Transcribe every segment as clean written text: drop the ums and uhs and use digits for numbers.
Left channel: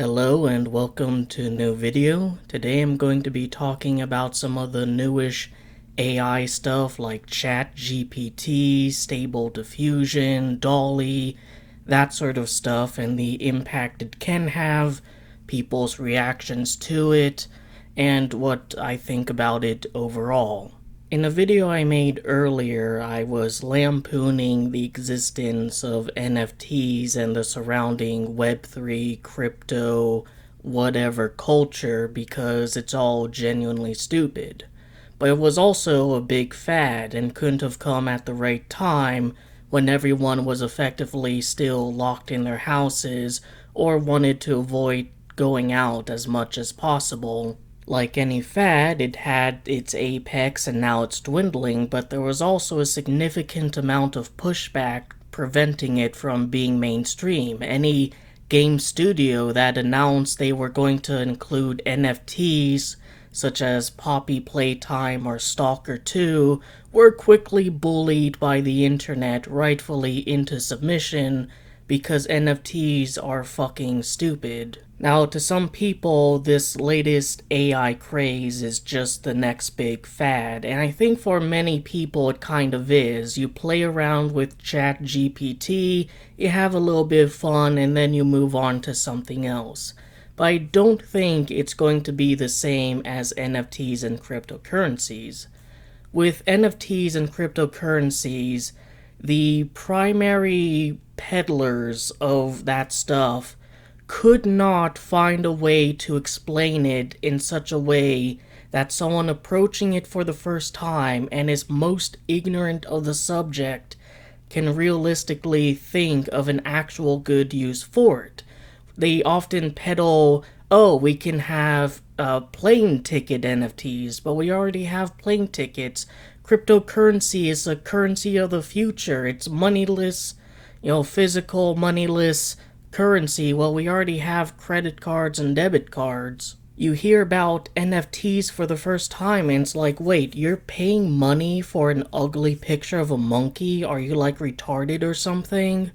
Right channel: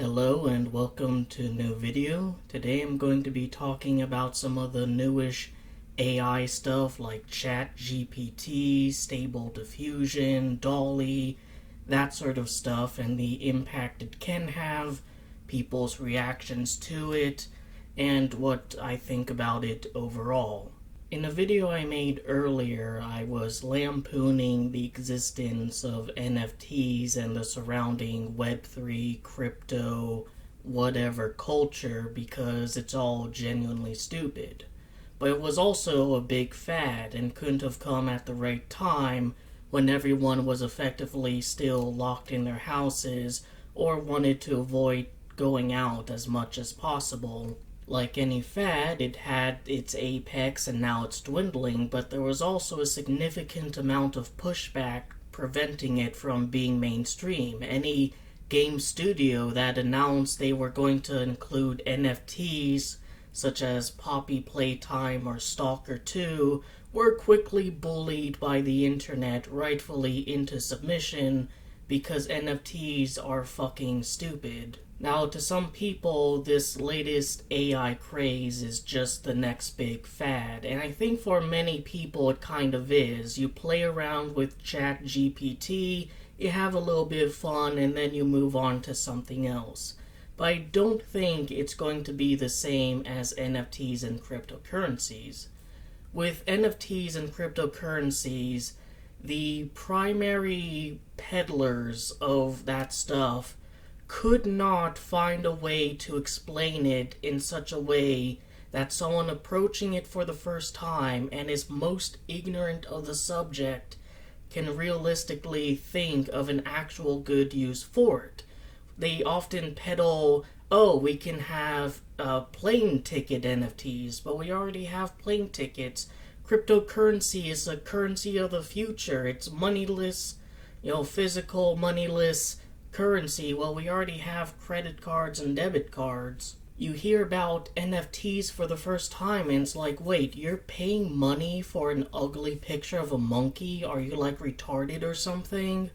Hello and welcome to a new video. Today I'm going to be talking about some of the newish AI stuff like ChatGPT, Stable Diffusion, Dall.E, that sort of stuff, and the impact it can have, people's reactions to it, and what I think about it overall. In a video I made earlier, I was lampooning the existence of NFTs and the surrounding Web3, crypto, whatever culture because it's all genuinely stupid. But it was also a big fad and couldn't have come at the right time when everyone was effectively still locked in their houses or wanted to avoid going out as much as possible. Like any fad, it had its apex and now it's dwindling, but there was also a significant amount of pushback preventing it from being mainstream. Any game studio that announced they were going to include NFTs, such as Poppy Playtime or Stalker 2, were quickly bullied by the internet rightfully into submission because NFTs are fucking stupid. Now, to some people, this latest AI craze is just the next big fad, and I think for many people it kind of is. You play around with ChatGPT, you have a little bit of fun, and then you move on to something else. But I don't think it's going to be the same as NFTs and cryptocurrencies. With NFTs and cryptocurrencies, the primary peddlers of that stuff could not find a way to explain it in such a way that someone approaching it for the first time and is most ignorant of the subject can realistically think of an actual good use for it. They often peddle, oh, we can have plane ticket NFTs, but we already have plane tickets. Cryptocurrency is a currency of the future. It's moneyless, physical moneyless currency. Well, we already have credit cards and debit cards. You hear about NFTs for the first time and it's like, wait, you're paying money for an ugly picture of a monkey? Are you like retarded or something?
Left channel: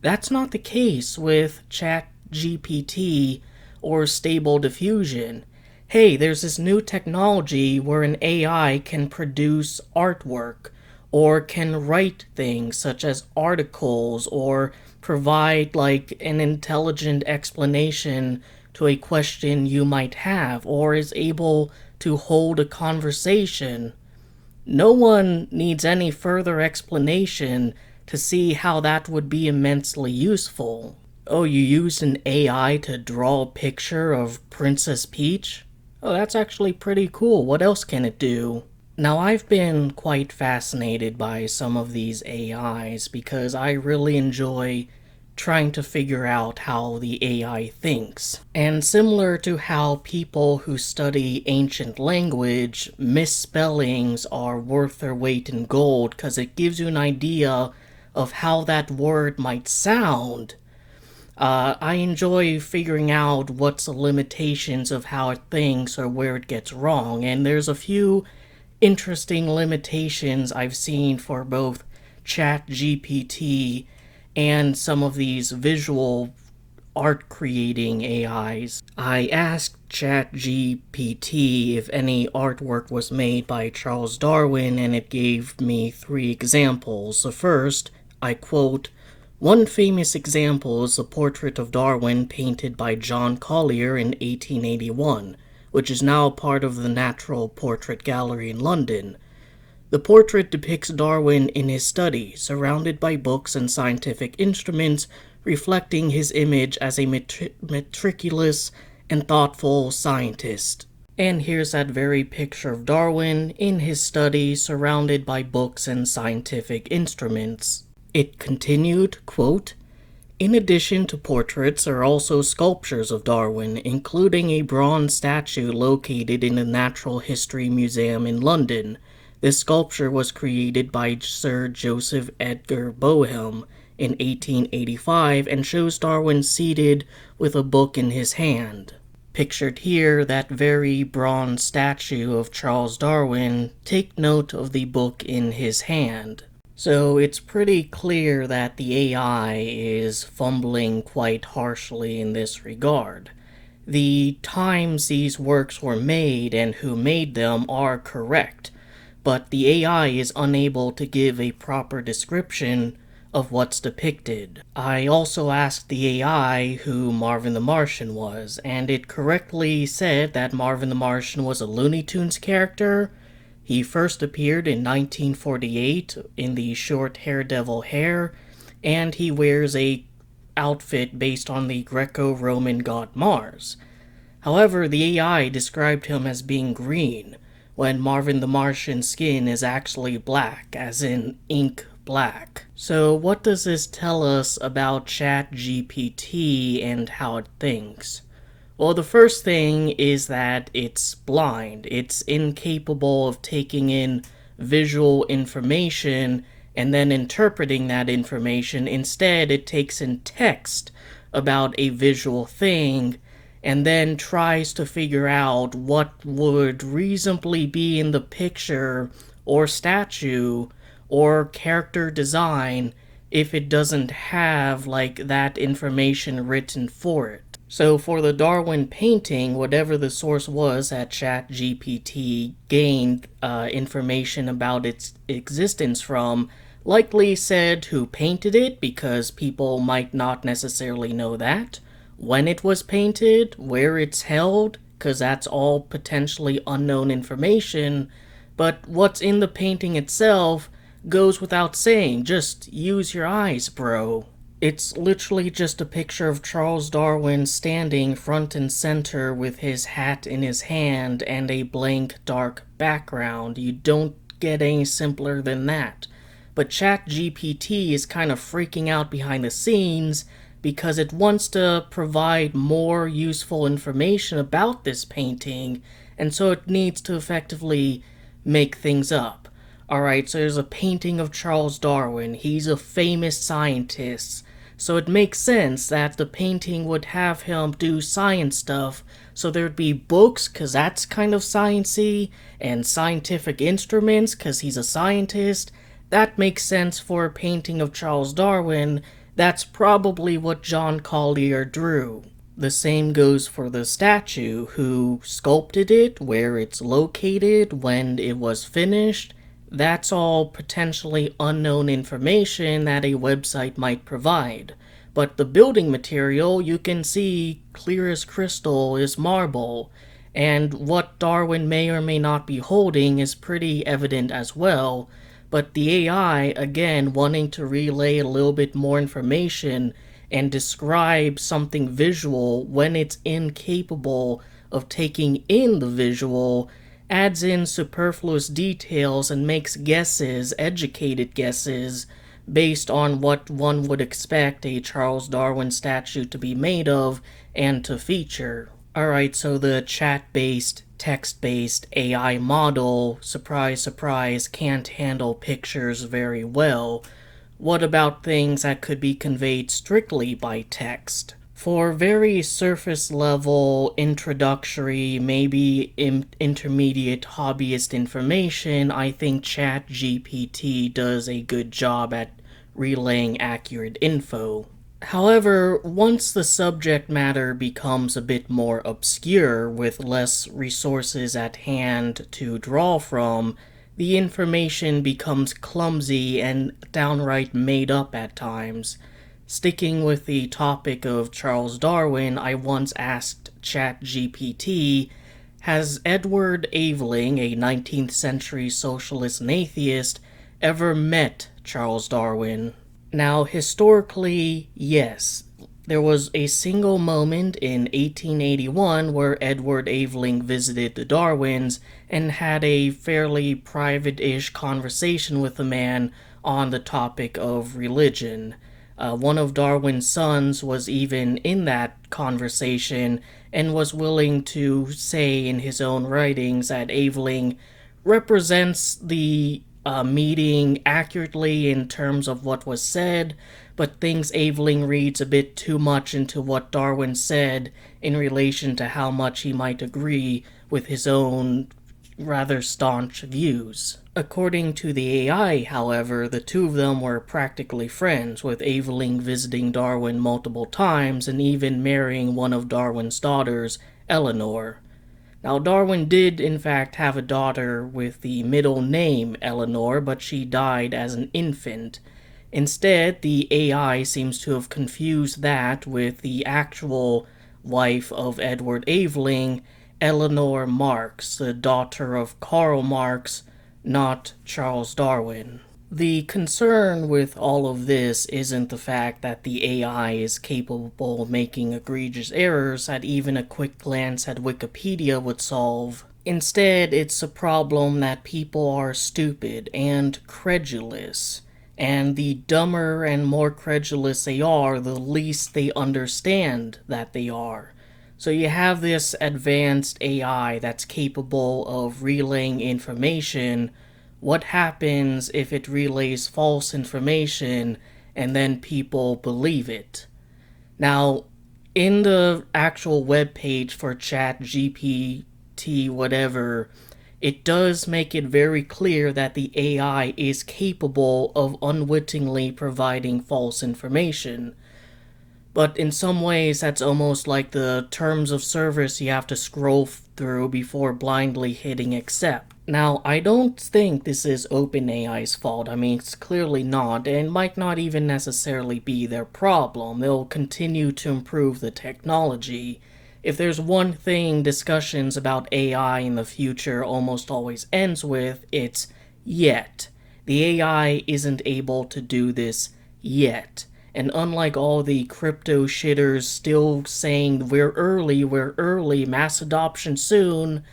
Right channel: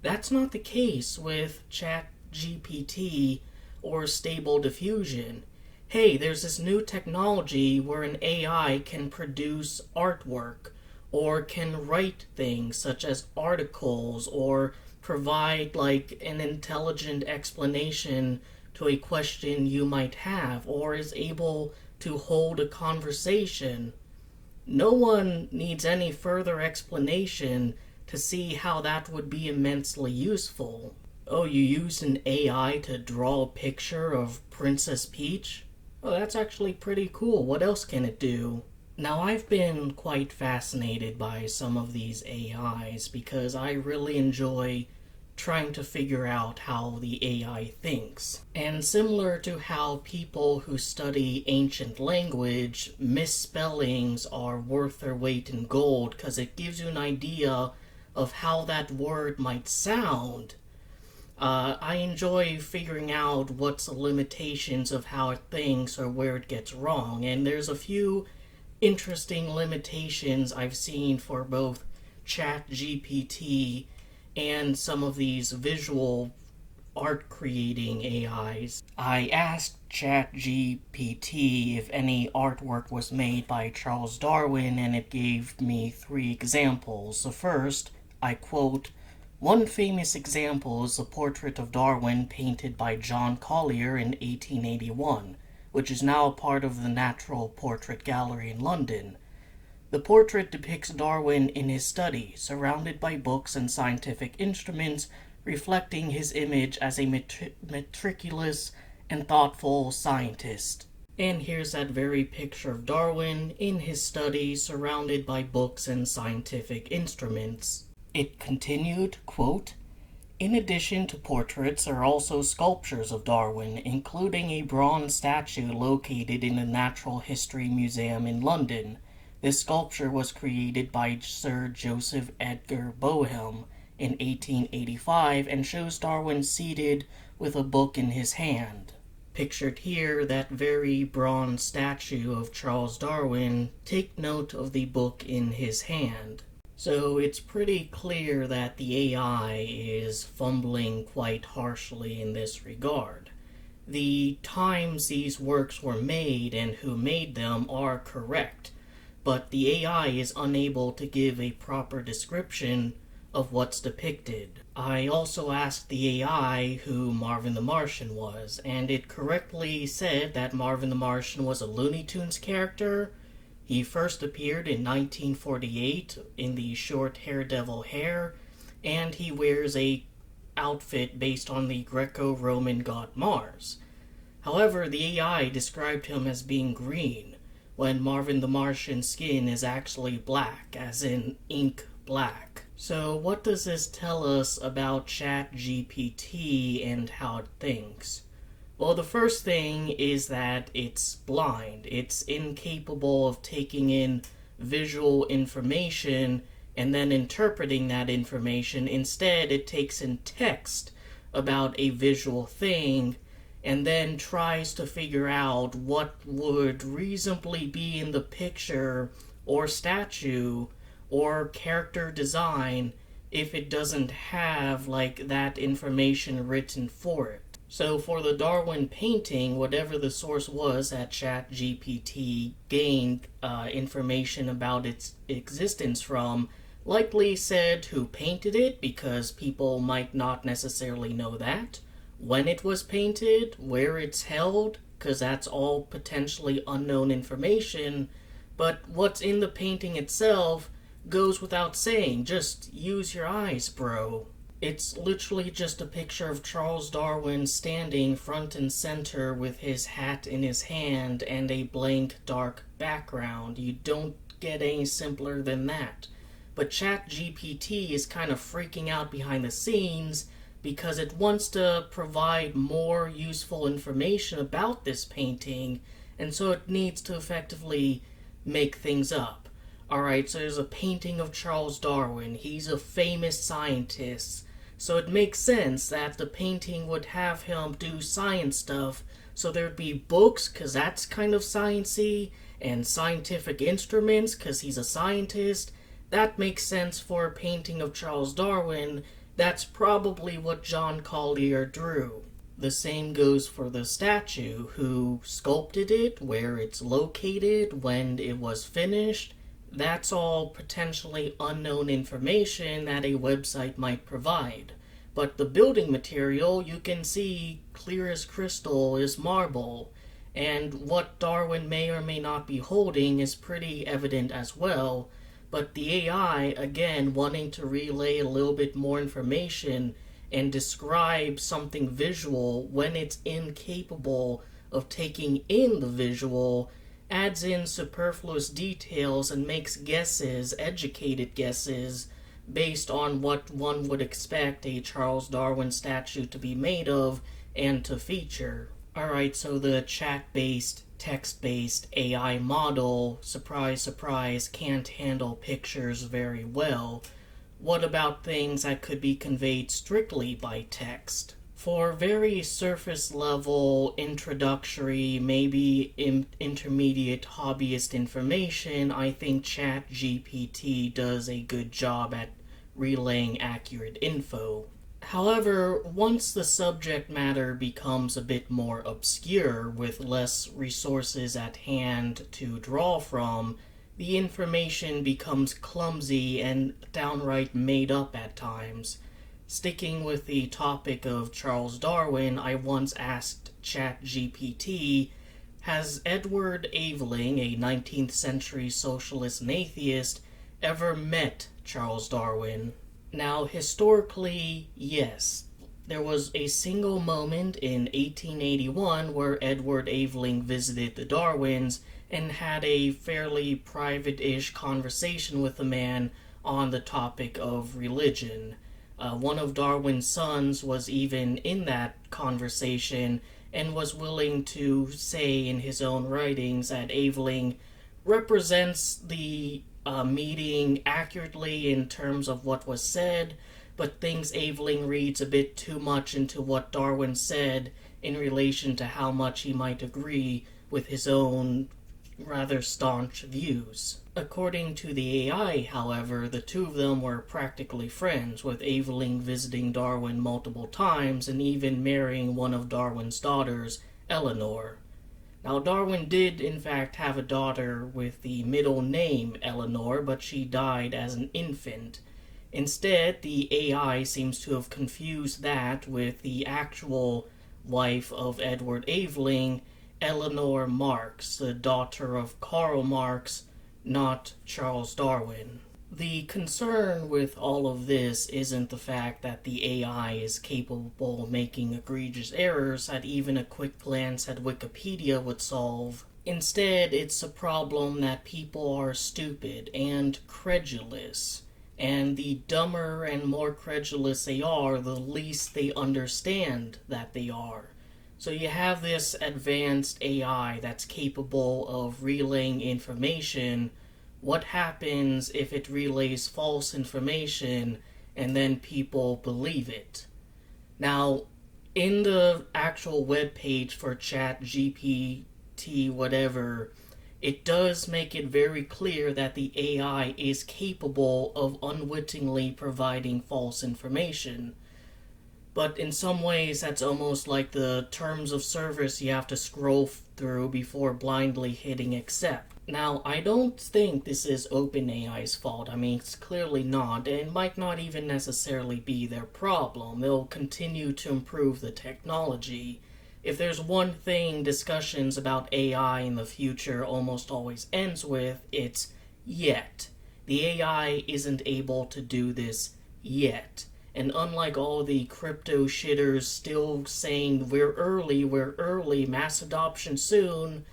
That's not the case with ChatGPT or Stable Diffusion. Hey, there's this new technology where an AI can produce artwork or can write things such as articles or provide like an intelligent explanation to a question you might have, or is able to hold a conversation. No one needs any further explanation to see how that would be immensely useful. Oh, you used an AI to draw a picture of Princess Peach? Oh, that's actually pretty cool. What else can it do? Now, I've been quite fascinated by some of these AIs because I really enjoy trying to figure out how the AI thinks. And similar to how people who study ancient language, misspellings are worth their weight in gold because it gives you an idea of how that word might sound. I enjoy figuring out what's the limitations of how it thinks or where it gets wrong, and there's a few interesting limitations I've seen for both ChatGPT and some of these visual art creating AIs. I asked ChatGPT if any artwork was made by Charles Darwin, and it gave me 3 examples. The first, I quote, "One famous example is the portrait of Darwin painted by John Collier in 1881, which is now part of the Natural Portrait Gallery in London. The portrait depicts Darwin in his study, surrounded by books and scientific instruments, reflecting his image as a meticulous and thoughtful scientist." And here's that very picture of Darwin in his study, surrounded by books and scientific instruments. It continued, quote, "In addition to portraits, there are also sculptures of Darwin, including a bronze statue located in the Natural History Museum in London. This sculpture was created by Sir Joseph Edgar Boehm in 1885 and shows Darwin seated with a book in his hand. Pictured here, that very bronze statue of Charles Darwin, take note of the book in his hand." So it's pretty clear that the AI is fumbling quite harshly in this regard. The times these works were made and who made them are correct, but the AI is unable to give a proper description of what's depicted. I also asked the AI who Marvin the Martian was, and it correctly said that Marvin the Martian was a Looney Tunes character. He first appeared in 1948 in the short Daredevil hair, and he wears a outfit based on the Greco-Roman god Mars. However, the AI described him as being green, when Marvin the Martian's skin is actually black, as in ink black. So what does this tell us about ChatGPT and how it thinks? Well, the first thing is that it's blind. It's incapable of taking in visual information and then interpreting that information. Instead, it takes in text about a visual thing and then tries to figure out what would reasonably be in the picture or statue or character design if it doesn't have that information written for it. So for the Darwin painting, whatever the source was that ChatGPT gained information about its existence from, likely said who painted it, because people might not necessarily know that, when it was painted, where it's held, because that's all potentially unknown information, but what's in the painting itself goes without saying. Just use your eyes, bro. It's literally just a picture of Charles Darwin standing front and center with his hat in his hand and a blank dark background. You don't get any simpler than that. But ChatGPT is kind of freaking out behind the scenes because it wants to provide more useful information about this painting, and so it needs to effectively make things up. Alright, so there's a painting of Charles Darwin. He's a famous scientist. So it makes sense that the painting would have him do science stuff. So there'd be books, because that's kind of sciencey, and scientific instruments, because he's a scientist. That makes sense for a painting of Charles Darwin. That's probably what John Collier drew. The same goes for the statue, who sculpted it, where it's located, when it was finished. That's all potentially unknown information that a website might provide. But the building material, you can see clear as crystal, is marble. And what Darwin may or may not be holding is pretty evident as well. But the AI, again, wanting to relay a little bit more information and describe something visual when it's incapable of taking in the visual, adds in superfluous details and makes guesses, educated guesses, based on what one would expect a Charles Darwin statue to be made of and to feature. Alright, so the chat-based, text-based AI model, surprise, surprise, can't handle pictures very well. What about things that could be conveyed strictly by text? For very surface level, introductory, maybe intermediate hobbyist information, I think ChatGPT does a good job at relaying accurate info. However, once the subject matter becomes a bit more obscure with less resources at hand to draw from, the information becomes clumsy and downright made up at times. Sticking with the topic of Charles Darwin, I once asked ChatGPT, has Edward Aveling, a 19th century socialist and atheist, ever met Charles Darwin? Now, historically, yes. There was a single moment in 1881 where Edward Aveling visited the Darwins and had a fairly private-ish conversation with the man on the topic of religion. One of Darwin's sons was even in that conversation and was willing to say in his own writings that Aveling represents the meeting accurately in terms of what was said, but thinks Aveling reads a bit too much into what Darwin said in relation to how much he might agree with his own rather staunch views. According to the AI, however, the two of them were practically friends, with Aveling visiting Darwin multiple times and even marrying one of Darwin's daughters, Eleanor. Now, Darwin did in fact have a daughter with the middle name Eleanor, but she died as an infant. Instead, the AI seems to have confused that with the actual wife of Edward Aveling, Eleanor Marx, the daughter of Karl Marx, not Charles Darwin. The concern with all of this isn't the fact that the AI is capable of making egregious errors that even a quick glance at Wikipedia would solve. Instead, it's a problem that people are stupid and credulous. And the dumber and more credulous they are, the least they understand that they are. So you have this advanced AI that's capable of relaying information. What happens if it relays false information and then people believe it? Now, in the actual web page for ChatGPT, whatever, it does make it very clear that the AI is capable of unwittingly providing false information. But in some ways, that's almost like the terms of service you have to scroll through before blindly hitting accept. Now, I don't think this is OpenAI's fault. I mean, it's clearly not, and might not even necessarily be their problem. They'll continue to improve the technology. If there's one thing discussions about AI in the future almost always ends with, it's yet. The AI isn't able to do this yet. And unlike all the crypto shitters still saying we're early, mass adoption soon,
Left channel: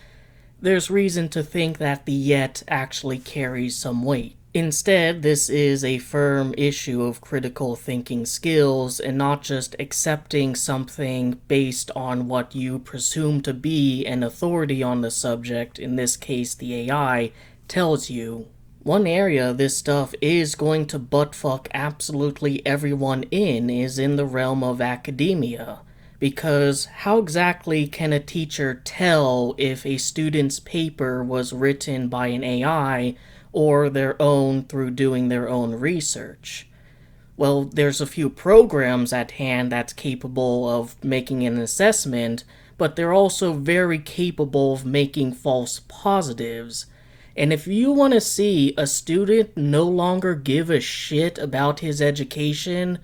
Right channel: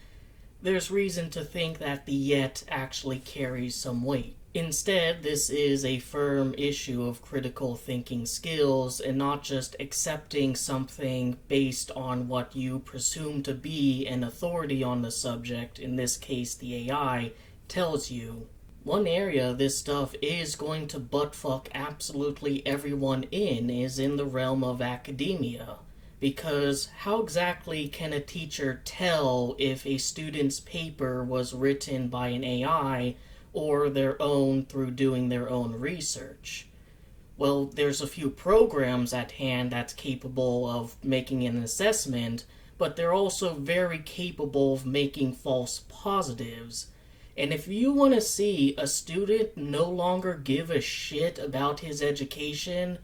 there's reason to think that the yet actually carries some weight. Instead, this is a firm issue of critical thinking skills and not just accepting something based on what you presume to be an authority on the subject, in this case the AI, tells you. One area this stuff is going to buttfuck absolutely everyone is in the realm of academia. Because how exactly can a teacher tell if a student's paper was written by an AI or their own through doing their own research? Well, there's a few programs at hand that's capable of making an assessment, but they're also very capable of making false positives. And if you want to see a student no longer give a shit about his education,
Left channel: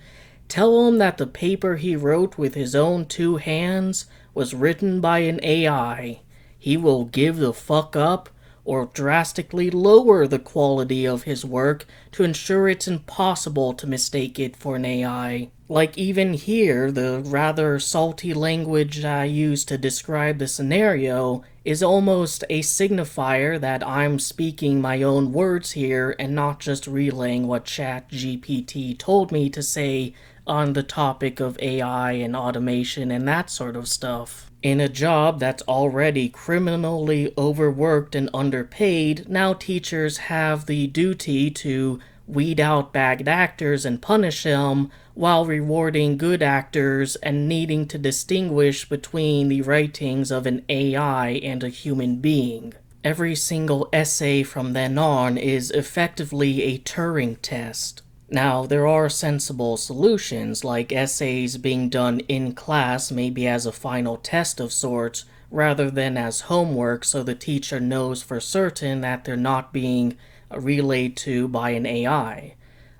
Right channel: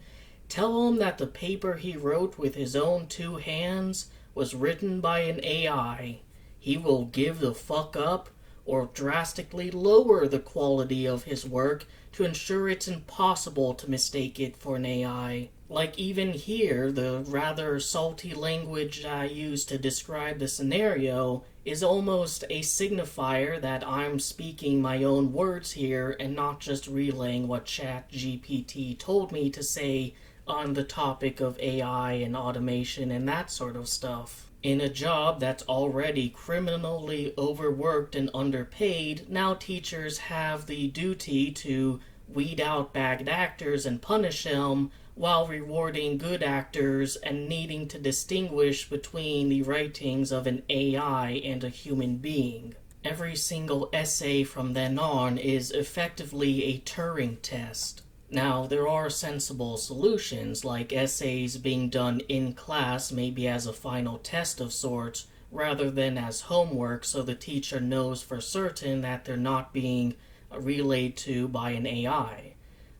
tell him that the paper he wrote with his own two hands was written by an AI. He will give the fuck up or drastically lower the quality of his work to ensure it's impossible to mistake it for an AI. Like even here, the rather salty language I use to describe the scenario is almost a signifier that I'm speaking my own words here and not just relaying what ChatGPT told me to say on the topic of AI and automation and that sort of stuff. In a job that's already criminally overworked and underpaid, now teachers have the duty to weed out bad actors and punish them while rewarding good actors and needing to distinguish between the writings of an AI and a human being. Every single essay from then on is effectively a Turing test. Now, there are sensible solutions, like essays being done in class maybe as a final test of sorts, rather than as homework so the teacher knows for certain that they're not being relayed to by an AI.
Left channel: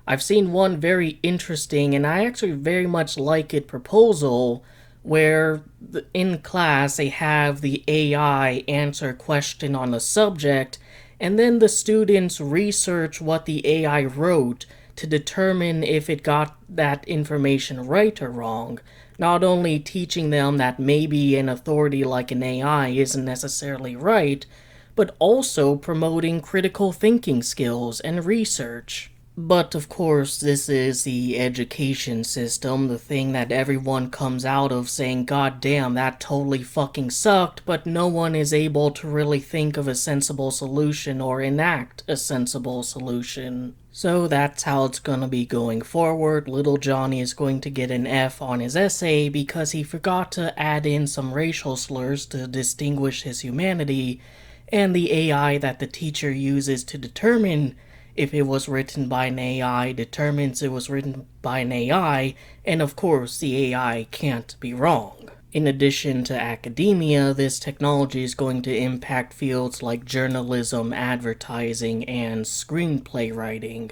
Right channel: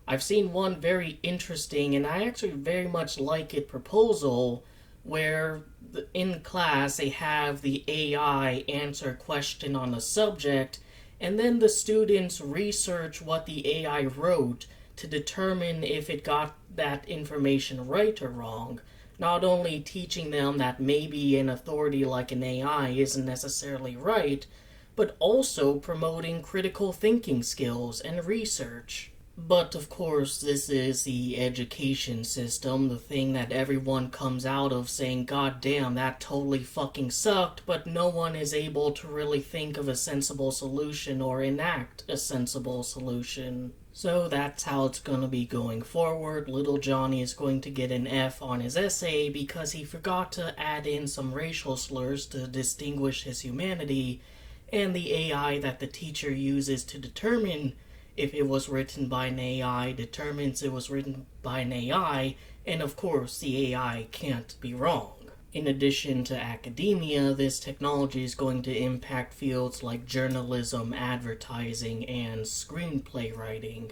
I've seen one very interesting, and I actually very much like it, proposal where in class they have the AI answer a question on the subject, and then the students research what the AI wrote to determine if it got that information right or wrong, not only teaching them that maybe an authority like an AI isn't necessarily right, but also promoting critical thinking skills and research. But of course, this is the education system, the thing that everyone comes out of saying, God damn, that totally fucking sucked, but no one is able to really think of a sensible solution or enact a sensible solution. So that's how it's gonna be going forward. Little Johnny is going to get an F on his essay because he forgot to add in some racial slurs to distinguish his humanity, and the AI that the teacher uses to determine if it was written by an AI determines it was written by an AI, and of course, the AI can't be wrong. In addition to academia, this technology is going to impact fields like journalism, advertising, and screenplay writing.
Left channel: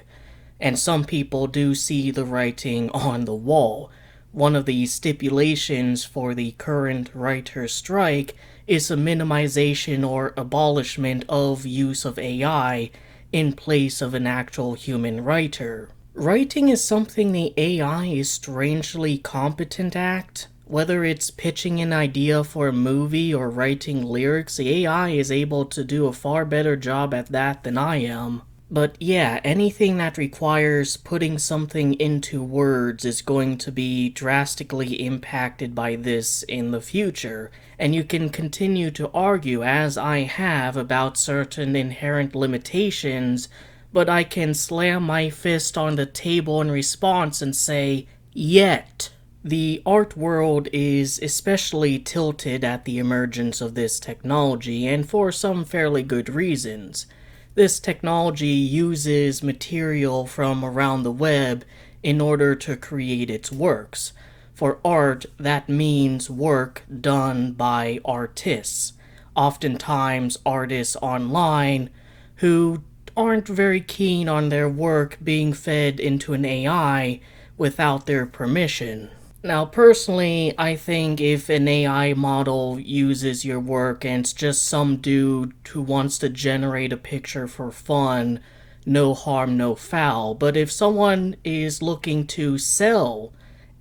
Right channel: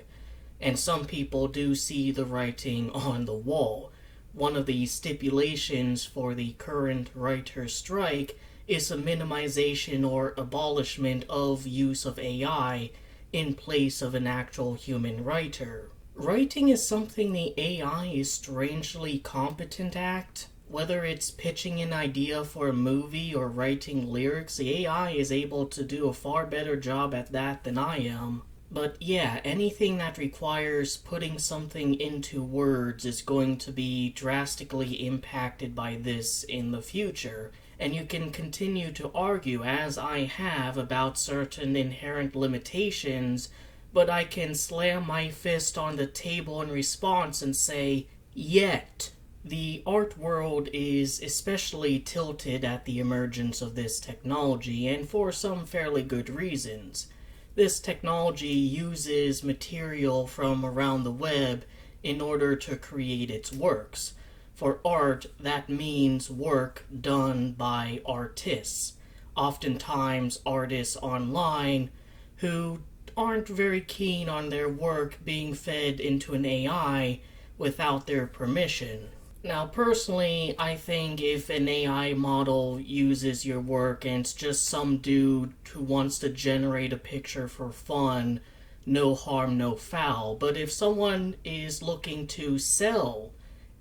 And some people do see the writing on the wall. One of the stipulations for the current writer's strike is a minimization or abolishment of use of AI in place of an actual human writer. Writing is something the AI is strangely competent at. Whether it's pitching an idea for a movie or writing lyrics, the AI is able to do a far better job at that than I am. But yeah, anything that requires putting something into words is going to be drastically impacted by this in the future. And you can continue to argue, as I have, about certain inherent limitations, but I can slam my fist on the table in response and say, yet. The art world is especially tilted at the emergence of this technology, and for some fairly good reasons. This technology uses material from around the web in order to create its works. For art, that means work done by artists, oftentimes artists online who aren't very keen on their work being fed into an AI without their permission. Now, personally, I think if an AI model uses your work and it's just some dude who wants to generate a picture for fun, no harm, no foul. But if someone is looking to sell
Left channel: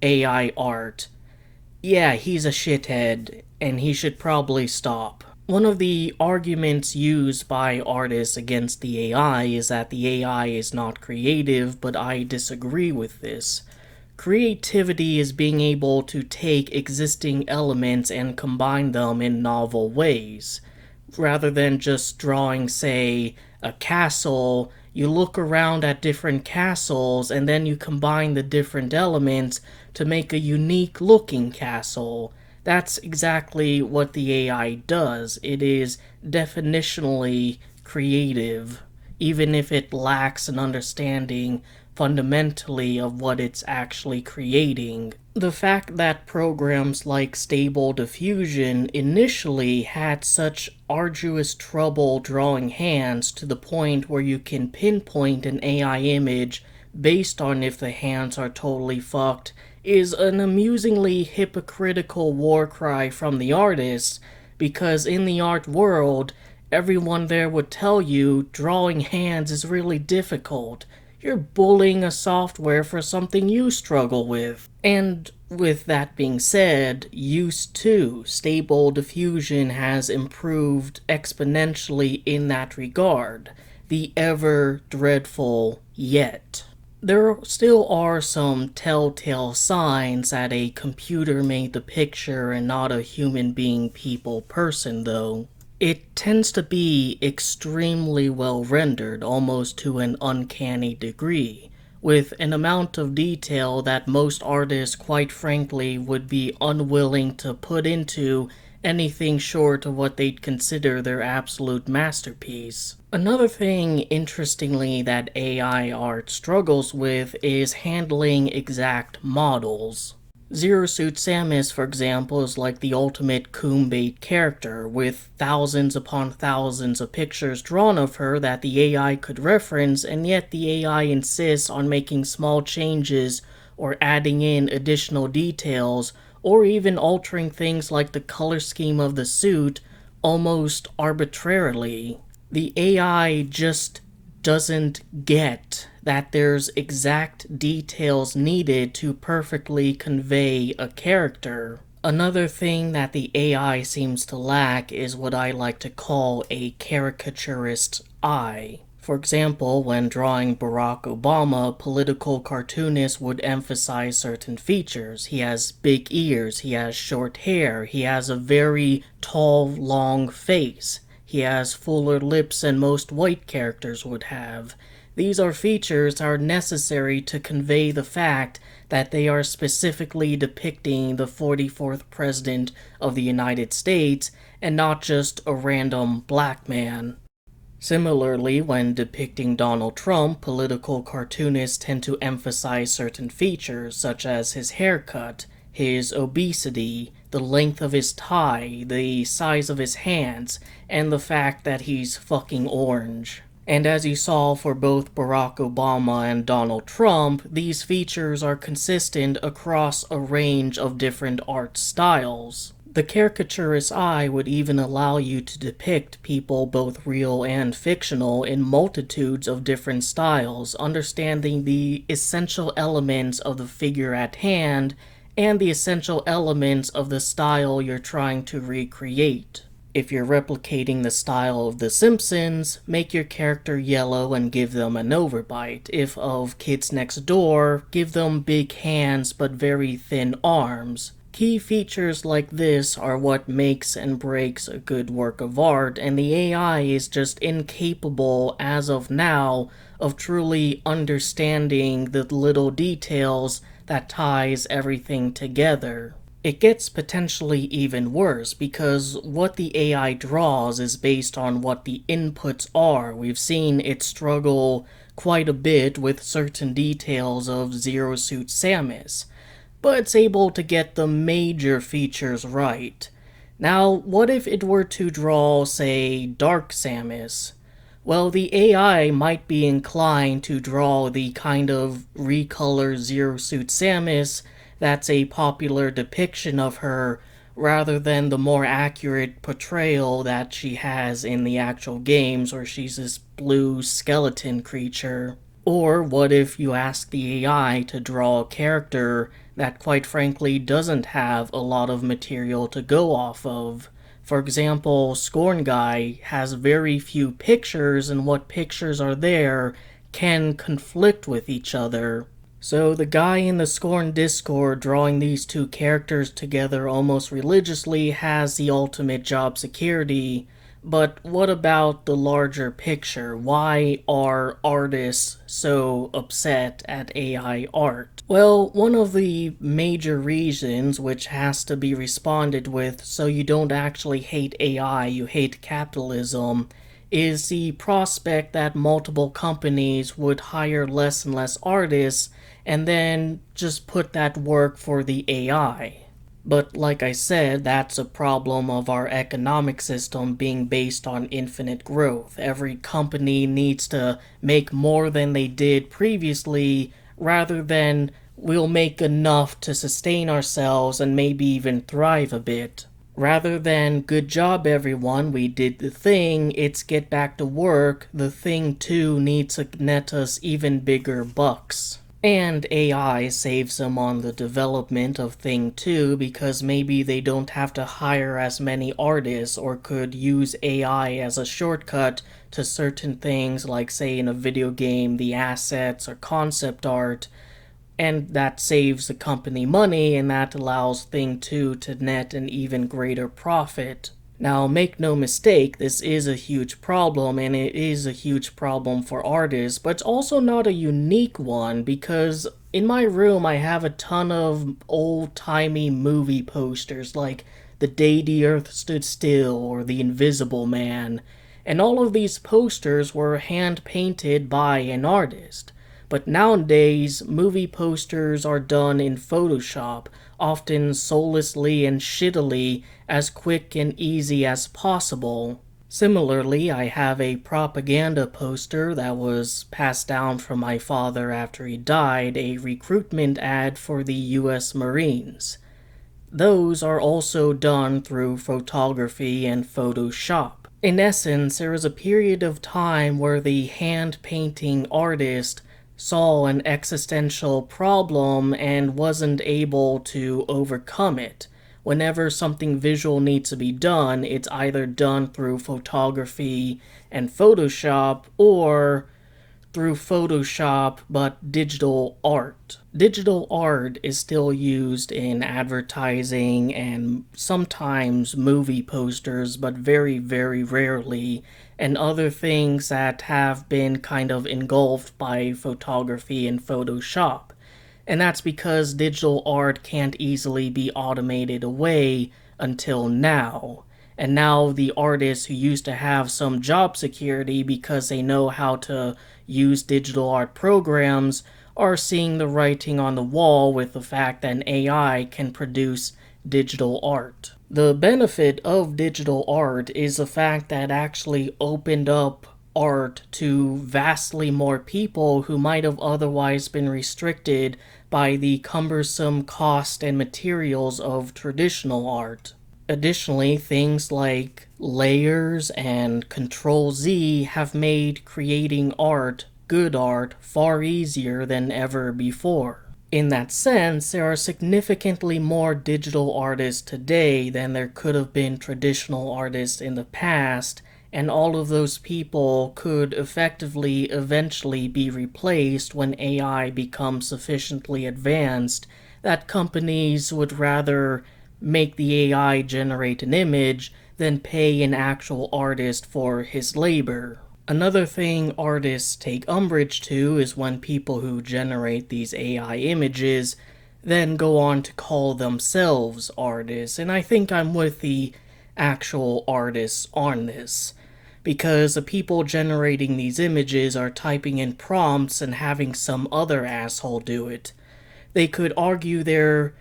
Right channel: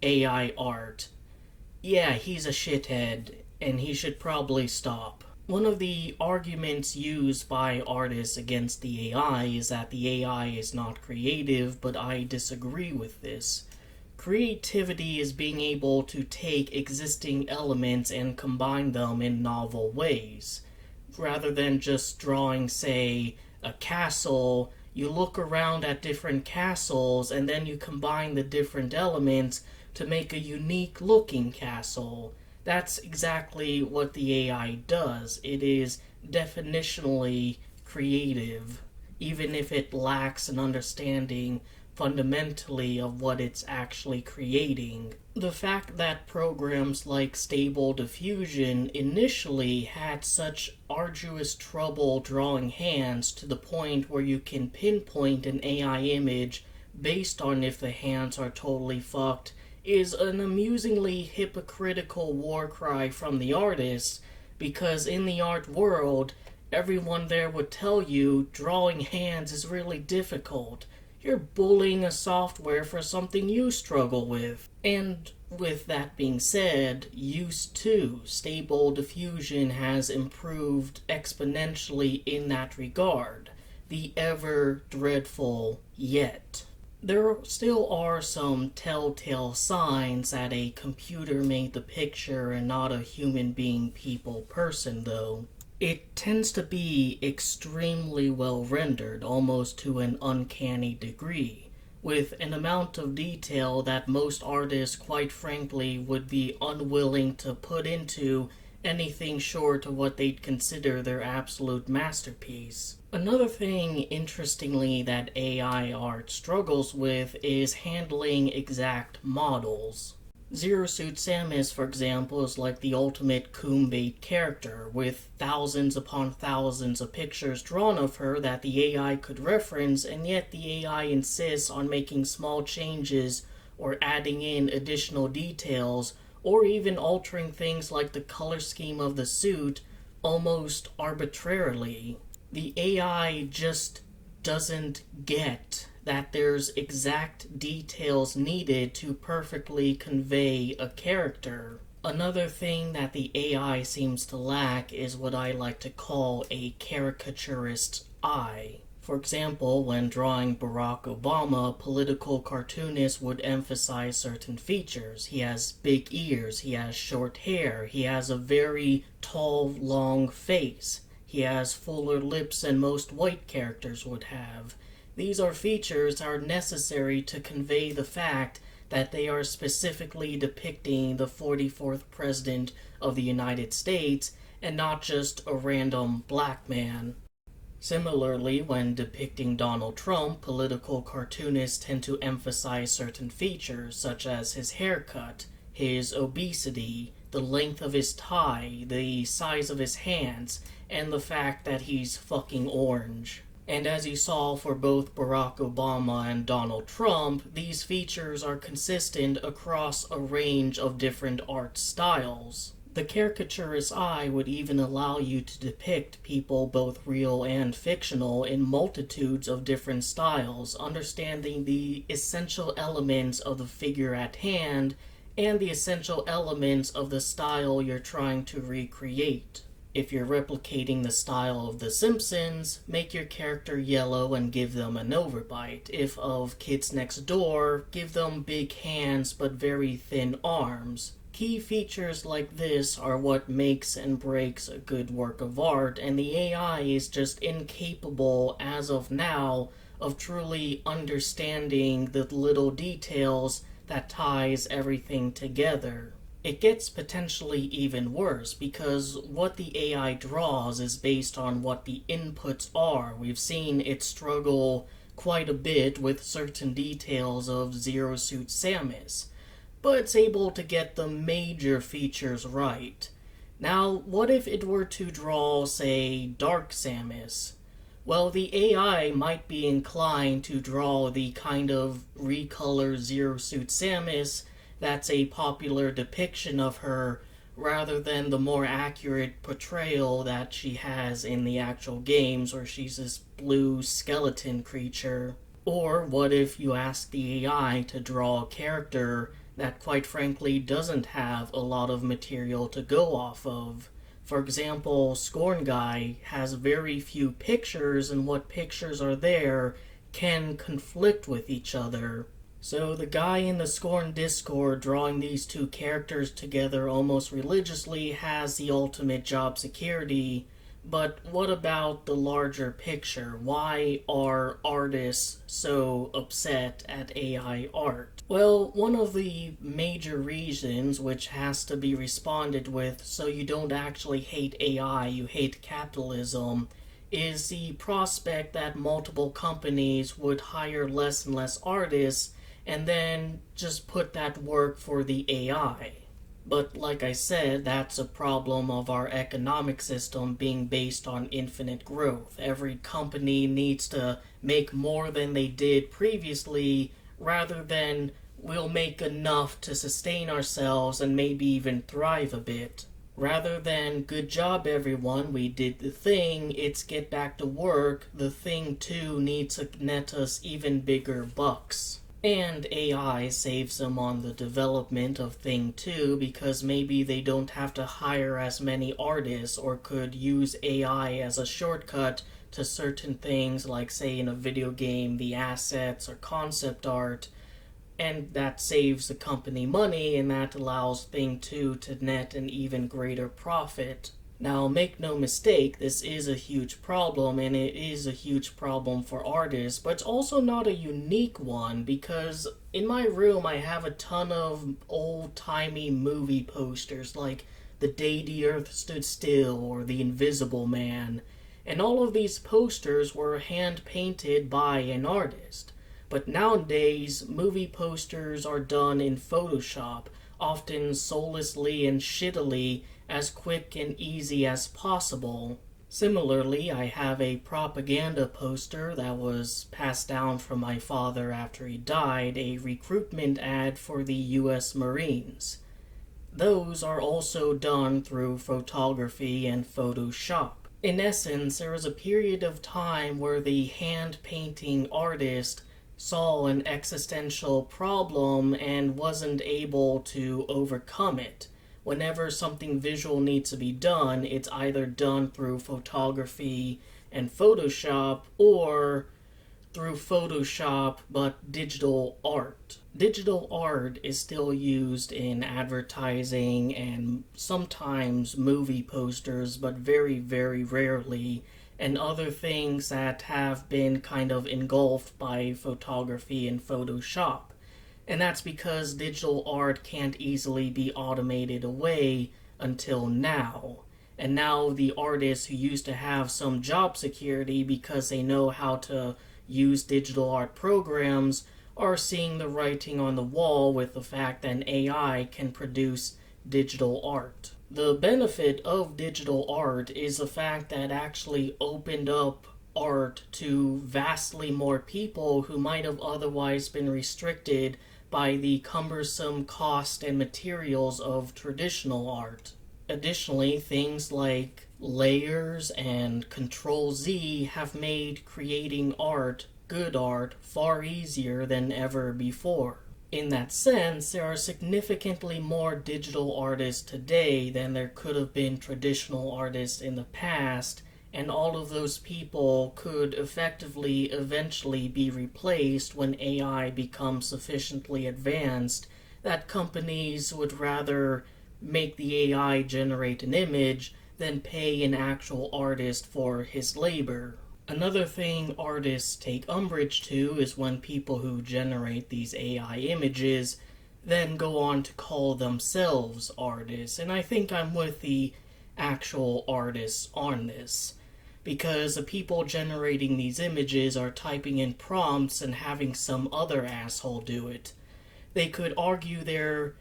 AI art, yeah, he's a shithead and he should probably stop. One of the arguments used by artists against the AI is that the AI is not creative, but I disagree with this. Creativity is being able to take existing elements and combine them in novel ways. Rather than just drawing, say, a castle, you look around at different castles and then you combine the different elements to make a unique looking castle. That's exactly what the AI does. It is definitionally creative, even if it lacks an understanding fundamentally of what it's actually creating. The fact that programs like Stable Diffusion initially had such arduous trouble drawing hands to the point where you can pinpoint an AI image based on if the hands are totally fucked is an amusingly hypocritical war cry from the artists, because in the art world, everyone there would tell you drawing hands is really difficult. You're bullying a software for something you struggle with. And with that being said, use too. Stable Diffusion has improved exponentially in that regard. The ever dreadful yet. There still are some telltale signs that a computer made the picture and not a human being person though. It tends to be extremely well rendered, almost to an uncanny degree, with an amount of detail that most artists, quite frankly, would be unwilling to put into anything short of what they'd consider their absolute masterpiece. Another thing, interestingly, that AI art struggles with is handling exact models. Zero Suit Samus, for example, is like the ultimate coom-bait character, with thousands upon thousands of pictures drawn of her that the AI could reference, and yet the AI insists on making small changes or adding in additional details, or even altering things like the color scheme of the suit almost arbitrarily. The AI just doesn't get that there's exact details needed to perfectly convey a character. Another thing that the AI seems to lack is what I like to call a caricaturist's eye. For example, when drawing Barack Obama, political cartoonists would emphasize certain features. He has big ears, he has short hair, he has a very tall, long face, he has fuller lips than most white characters would have. These are features that are necessary to convey the fact that they are specifically depicting the 44th President of the United States, and not just a random black man. Similarly, when depicting Donald Trump, political cartoonists tend to emphasize certain features such as his haircut, his obesity, the length of his tie, the size of his hands, and the fact that he's fucking orange. And as you saw for both Barack Obama and Donald Trump, these features are consistent across a range of different art styles. The caricaturist eye would even allow you to depict people, both real and fictional, in multitudes of different styles, understanding the essential elements of the figure at hand and the essential elements of the style you're trying to recreate. If you're replicating the style of The Simpsons, make your character yellow and give them an overbite. If of Kids Next Door, give them big hands but very thin arms. Key features like this are what makes and breaks a good work of art, and the AI is just incapable, as of now, of truly understanding the little details that ties everything together. It gets potentially even worse because what the AI draws is based on what the inputs are. We've seen it struggle quite a bit with certain details of Zero Suit Samus, but it's able to get the major features right. Now, what if it were to draw, say, Dark Samus? Well, the AI might be inclined to draw the kind of recolor Zero Suit Samus that's a popular depiction of her, rather than the more accurate portrayal that she has in the actual games, where she's this blue skeleton creature. Or what if you ask the AI to draw a character that quite frankly doesn't have a lot of material to go off of? For example, Scorn Guy has very few pictures, and what pictures are there can conflict with each other. So the guy in the Scorn Discord drawing these two characters together almost religiously has the ultimate job security. But what about the larger picture? Why are artists so upset at AI art? Well, one of the major reasons, which has to be responded with so you don't actually hate AI, you hate capitalism, is the prospect that multiple companies would hire less and less artists and then just put that work for the AI. But like I said, that's a problem of our economic system being based on infinite growth. Every company needs to make more than they did previously, rather than we'll make enough to sustain ourselves and maybe even thrive a bit. Rather than good job everyone, we did the thing, it's get back to work, the thing too needs to net us even bigger bucks. And AI saves them on the development of Thing 2 because maybe they don't have to hire as many artists, or could use AI as a shortcut to certain things, like say in a video game, the assets or concept art, and that saves the company money, and that allows Thing 2 to net an even greater profit. Now, make no mistake, this is a huge problem, and it is a huge problem for artists, but it's also not a unique one, because in my room I have a ton of old-timey movie posters, like The Day the Earth Stood Still or The Invisible Man, and all of these posters were hand-painted by an artist. But nowadays, movie posters are done in Photoshop, often soullessly and shittily, as quick and easy as possible. Similarly, I have a propaganda poster that was passed down from my father after he died, a recruitment ad for the US Marines. Those are also done through photography and Photoshop. In essence, there was a period of time where the hand-painting artist saw an existential problem and wasn't able to overcome it. Whenever something visual needs to be done, it's either done through photography and Photoshop, or through Photoshop but digital art. Digital art is still used in advertising and sometimes movie posters, but very, very rarely, and other things that have been kind of engulfed by photography and Photoshop. And that's because digital art can't easily be automated away until now. And now the artists who used to have some job security because they know how to use digital art programs are seeing the writing on the wall with the fact that an AI can produce digital art. The benefit of digital art is the fact that it actually opened up art to vastly more people who might have otherwise been restricted by the cumbersome cost and materials of traditional art. Additionally, things like layers and Control Z have made creating art, good art, far easier than ever before. In that sense, there are significantly more digital artists today than there could have been traditional artists in the past, and all of those people could effectively eventually be replaced when AI becomes sufficiently advanced that companies would rather make the AI generate an image than pay an actual artist for his labor. Another thing artists take umbrage to is when people who generate these AI images then go on to call themselves artists, and I think I'm with the actual artists on this, because the people generating these images are typing in prompts and having some other asshole do it. They could argue they're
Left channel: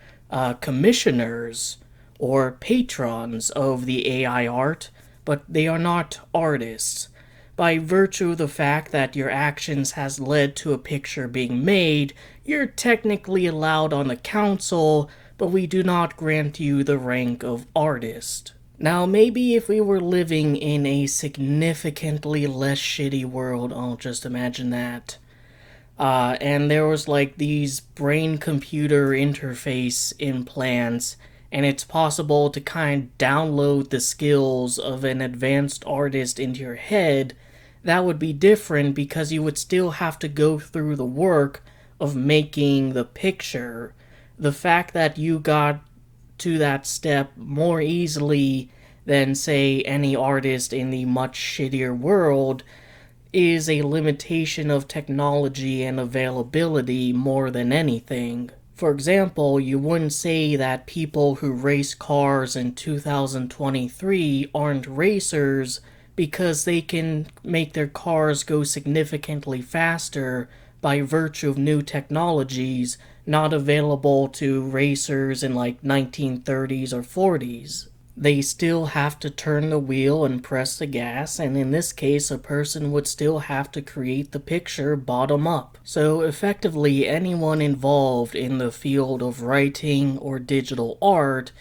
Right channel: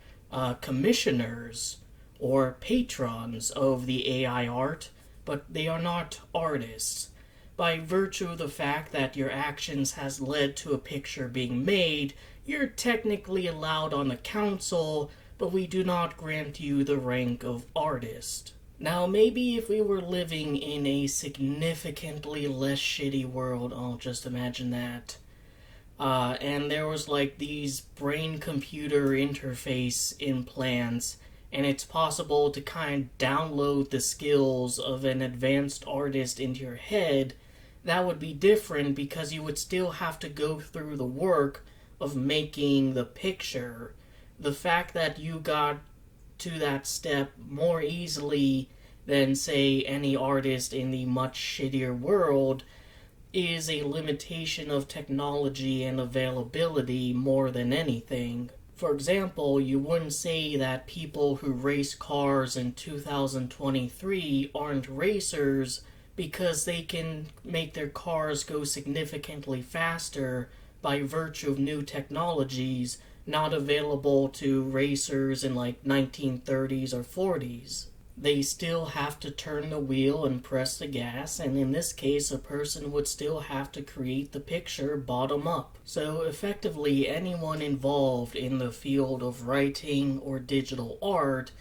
commissioners or patrons of the AI art, but they are not artists. By virtue of the fact that your actions has led to a picture being made, you're technically allowed on the council, but we do not grant you the rank of artist. Now, maybe if we were living in a significantly less shitty world, I'll just imagine that, and there was like these brain computer interface implants, and it's possible to kind of download the skills of an advanced artist into your head. That would be different because you would still have to go through the work of making the picture. The fact that you got to that step more easily than, say, any artist in the much shittier world is a limitation of technology and availability more than anything. For example, you wouldn't say that people who race cars in 2023 aren't racers because they can make their cars go significantly faster by virtue of new technologies not available to racers in like 1930s or 40s. They still have to turn the wheel and press the gas, and in this case, a person would still have to create the picture bottom up. So effectively, anyone involved in the field of writing or digital art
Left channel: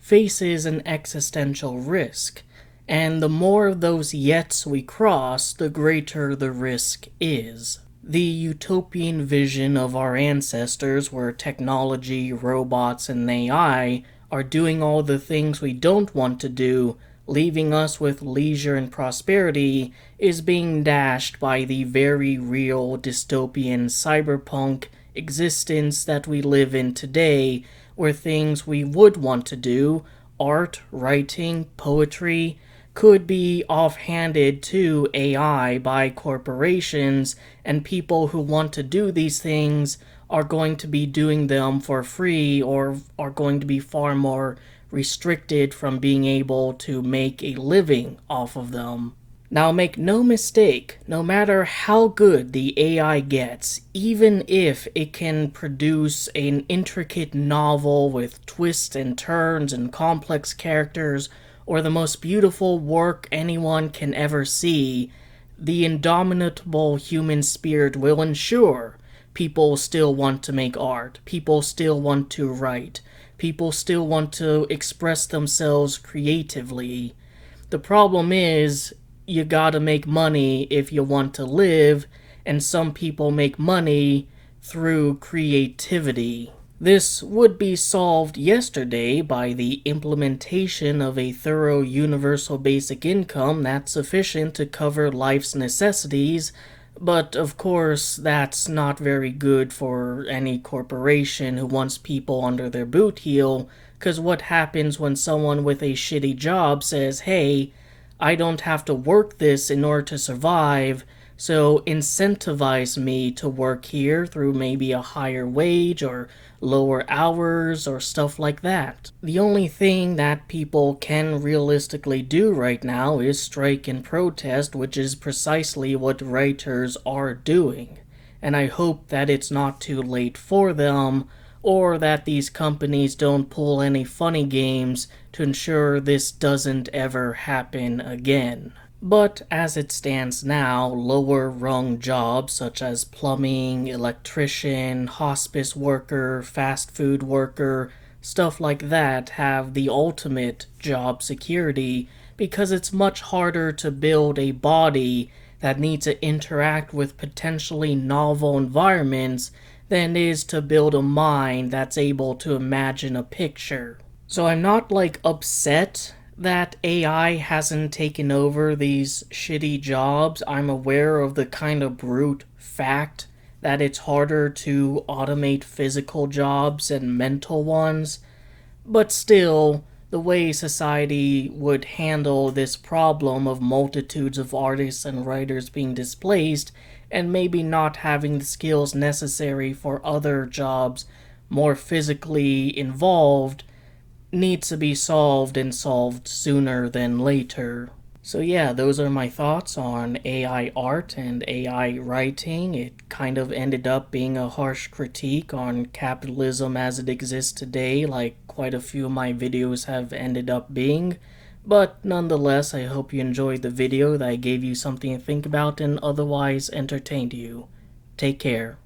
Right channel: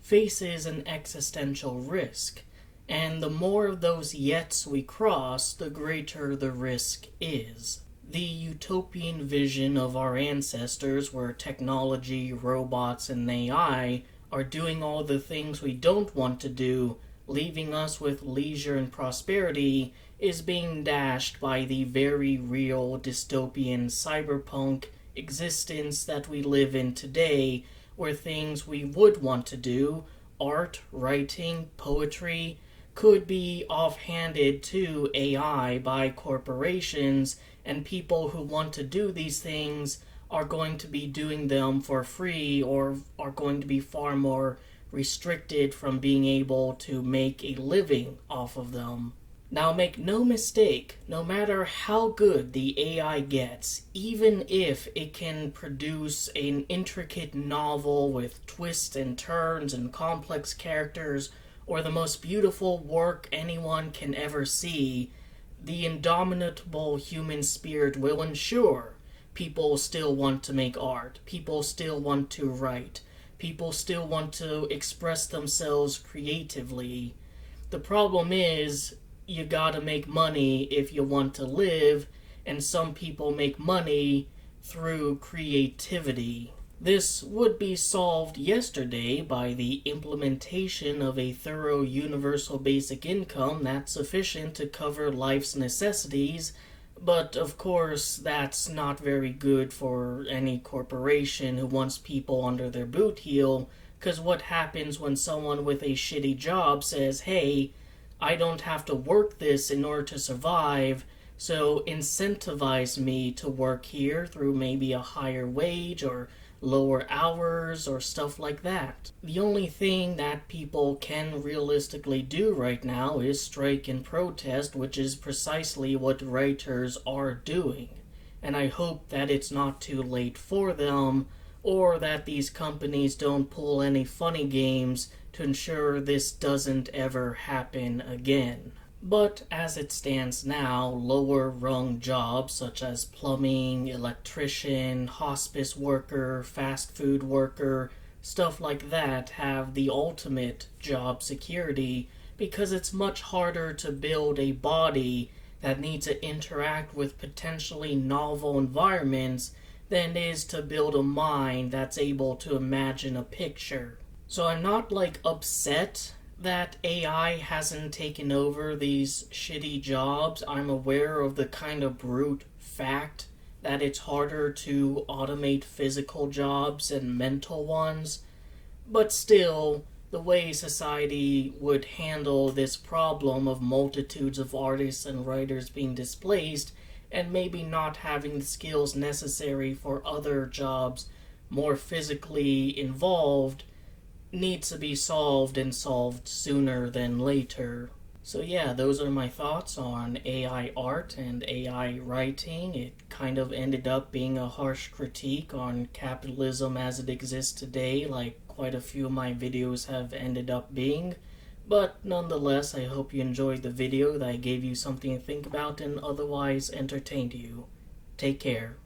faces an existential risk. And the more of those yets we cross, the greater the risk is. The utopian vision of our ancestors, where technology, robots, and AI are doing all the things we don't want to do, leaving us with leisure and prosperity, is being dashed by the very real dystopian cyberpunk existence that we live in today, where things we would want to do, art, writing, poetry, could be offhanded to AI by corporations, and people who want to do these things are going to be doing them for free or are going to be far more restricted from being able to make a living off of them. Now, make no mistake, no matter how good the AI gets, even if it can produce an intricate novel with twists and turns and complex characters, or the most beautiful work anyone can ever see, the indomitable human spirit will ensure people still want to make art, people still want to write, people still want to express themselves creatively. The problem is, you gotta make money if you want to live, and some people make money through creativity. This would be solved yesterday by the implementation of a thorough universal basic income that's sufficient to cover life's necessities, but of course that's not very good for any corporation who wants people under their boot heel, because what happens when someone with a shitty job says, hey, I don't have to work this in order to survive, so incentivize me to work here through maybe a higher wage or lower hours or stuff like that. The only thing that people can realistically do right now is strike and protest, which is precisely what writers are doing. And I hope that it's not too late for them, or that these companies don't pull any funny games to ensure this doesn't ever happen again. But as it stands now, lower rung jobs such as plumbing, electrician, hospice worker, fast food worker, stuff like that have the ultimate job security because it's much harder to build a body that needs to interact with potentially novel environments than it is to build a mind that's able to imagine a picture. So I'm not upset that AI hasn't taken over these shitty jobs. I'm aware of the kind of brute fact that it's harder to automate physical jobs and mental ones. But still, the way society would handle this problem of multitudes of artists and writers being displaced and maybe not having the skills necessary for other jobs more physically involved needs to be solved and solved sooner than later. So yeah, those are my thoughts on AI art and AI writing. It kind of ended up being a harsh critique on capitalism as it exists today, like quite a few of my videos have ended up being. But nonetheless, I hope you enjoyed the video, that I gave you something to think about and otherwise entertained you. Take care.